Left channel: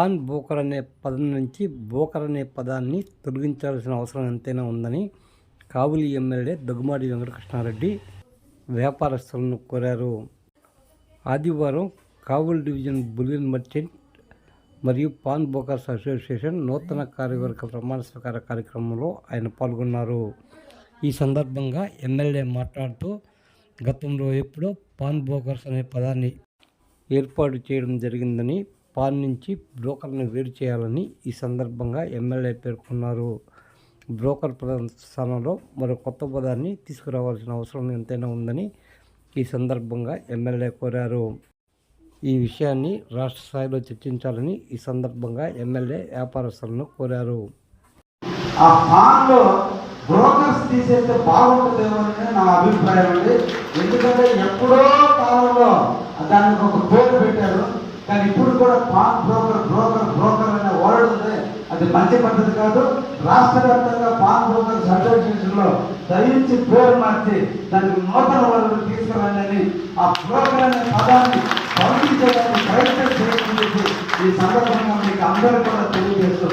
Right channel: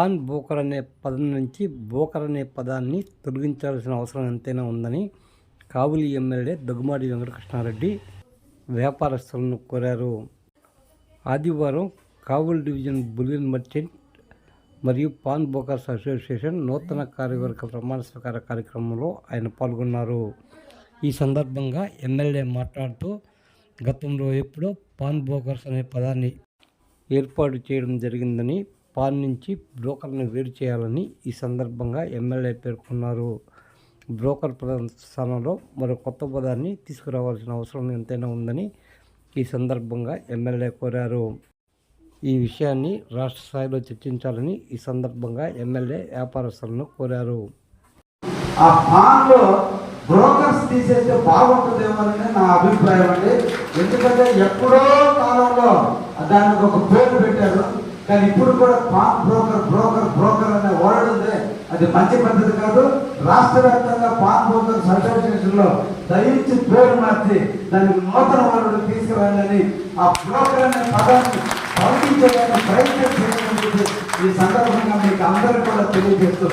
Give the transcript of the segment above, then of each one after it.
Pan broker అనే పదం నుంచి బోకర్ అనే పదాన్ని తొలగించాల్సిన అవసరం ఎంతైనా ఉందని కావులి ఎమ్మెల్యే దగ్గుమాడి వెంకటకృష్ణారెడ్డి వ్యాపారస్తులను కోరారు. ఆదివారం కావుల్ డివిజన్ బులియన్ మర్చెంట్ మరియు పాన్ బోకర్స్ అసోసియేషన్ నూతన కార్యవర్గ ప్రమాణ స్వీకార కార్యక్రమంలో ఆయన పాల్గొన్నారు. ఈ సందర్భంగా ఎమ్మెల్యే మాట్లాడుతూ గతంలో ఎప్పుడో పాన్ బోకర్స్ అనే పదాన్ని ఏర్పాటు చేయడం జరిగిందని పాన్ నుంచి బ్రోకర్ని వేరు చేయాలని ఈ సందర్భంగా ఎమ్మెల్యే పేర్కొన్నారు. బ్రోకర్ పదం స్థానంలో మరో కొత్త పదాన్ని తీసుకురావాల్సిన అవసరం ఎంతైనా ఉందని ఈ సందర్భంగా ఎమ్మెల్యే కోరారు. ఈ విషయాన్ని రాష్ట్ర స్థాయిలో చర్చించాలని ఈ సందర్భంగా ఎమ్మెల్యే వ్యాపారస్తులను కోరారు. ఆ పాన్లో బ్రోకర్స్ తీసేస్తే బాగుంటుందేమో అని నా అభిప్రాయం అండి. ఎందుకంటే ఎప్పుడో కాలంలో దానికి ఒక పేరు పెట్టారు. కానీ ఇప్పుడు కూడా పాన్ బ్రోకర్ బ్రోకర్ బ్రోకర్ అనే వర్డ్ ఉంది. అది మంచి పద్ధతి కాదు. రాష్ట్ర వ్యాప్తంగా పాన్ బ్రోకర్స్ అసోసియేషన్లో దయించి పేరు మార్చి దానికి నూతన వరుడు తీసుకురండి ఆ బ్రోకర్ అనే పదాన్ని పంపించడానికి ప్రయత్నం చేయమని చెప్పి ఈ సందర్భంగా మీకు అందరూ కూడా తెలియజేస్తూ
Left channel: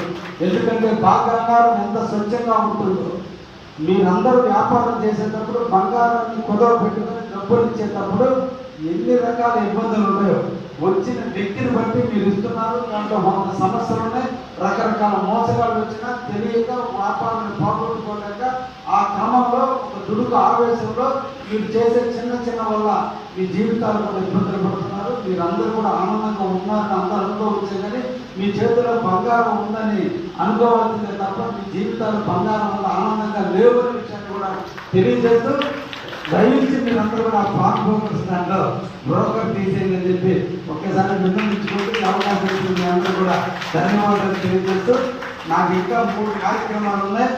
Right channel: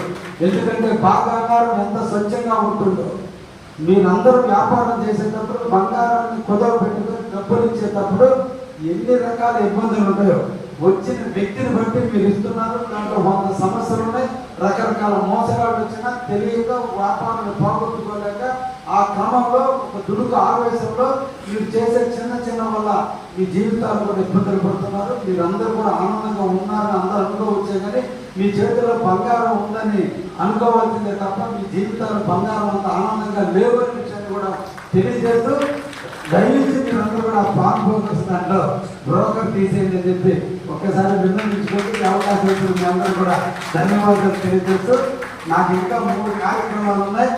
ఎందుకంటే బంగారం ఎంత స్వచ్ఛంగా ఉంటుందో. మీరందరూ వ్యాపారం చేసేటప్పుడు బంగారాన్ని కుదవ పెట్టుకుని డబ్బులు ఇచ్చేటప్పుడు ఎన్ని రకాల ఇబ్బందులు ఉన్నాయో వచ్చిన వ్యక్తిని బట్టి మీరు ఇస్తున్నారు దాంట్లో వంద సమస్యలు ఉన్నాయి రకరకాల మోసగాళ్ళు వచ్చినా తెలియక వ్యాపారాన్ని పోగొట్టుకోలేక ఆ క్రమంలో ఒక దుడుకు ఆవేశంలో మీరు చేసే చిన్న చిన్న వల్ల మీ జీవితాలు కూడా ఇబ్బందులు పడుతున్నారు. మీరందరూ కూడా ఆనందంగా ఉన్నారని అందరూ అనుకోవచ్చే కానీ మీ చేతిలో బంగారం ఉందని అనుకోవాల్సిందే తప్ప మీ జీవితాలు బంగారం అంత ఆనందంగా లేవు అనే విషయాన్ని కూడా తెలియజేస్తూ దయచేసి మీరందరూ కూడా పాన్ బ్రోకర్స్ దాంట్లో బ్రోకర్ తీసేయండి అని చెప్పి ఒక్కసారి విన్నవించుకోండి. అవకాశం ఇచ్చిన అందరూ కూడా ధన్యవాదాలు తెలియజేస్తూ నాకు ఇంకా మూడు కార్యక్రమాలు ఉన్నాయి.